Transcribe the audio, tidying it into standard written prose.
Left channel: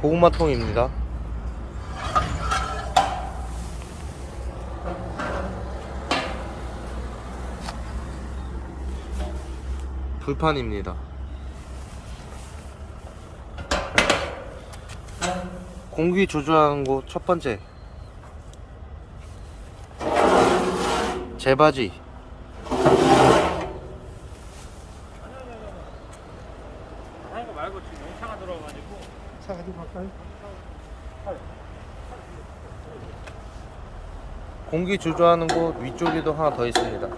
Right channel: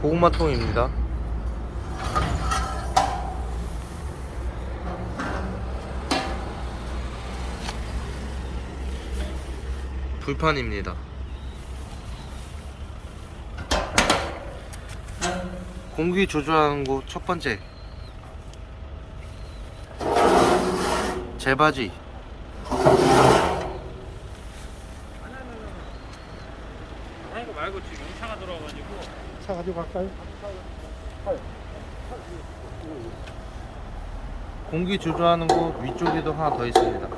고구마통입니다. 불판입니다. 공기 조절하는 곳 첫 번째, 제바지. 이거 말고 지금 차가 들어와가지고 차 가지고 갈까요? 공기 조절하는 곳 위쪽에도 하나 더 있습니다.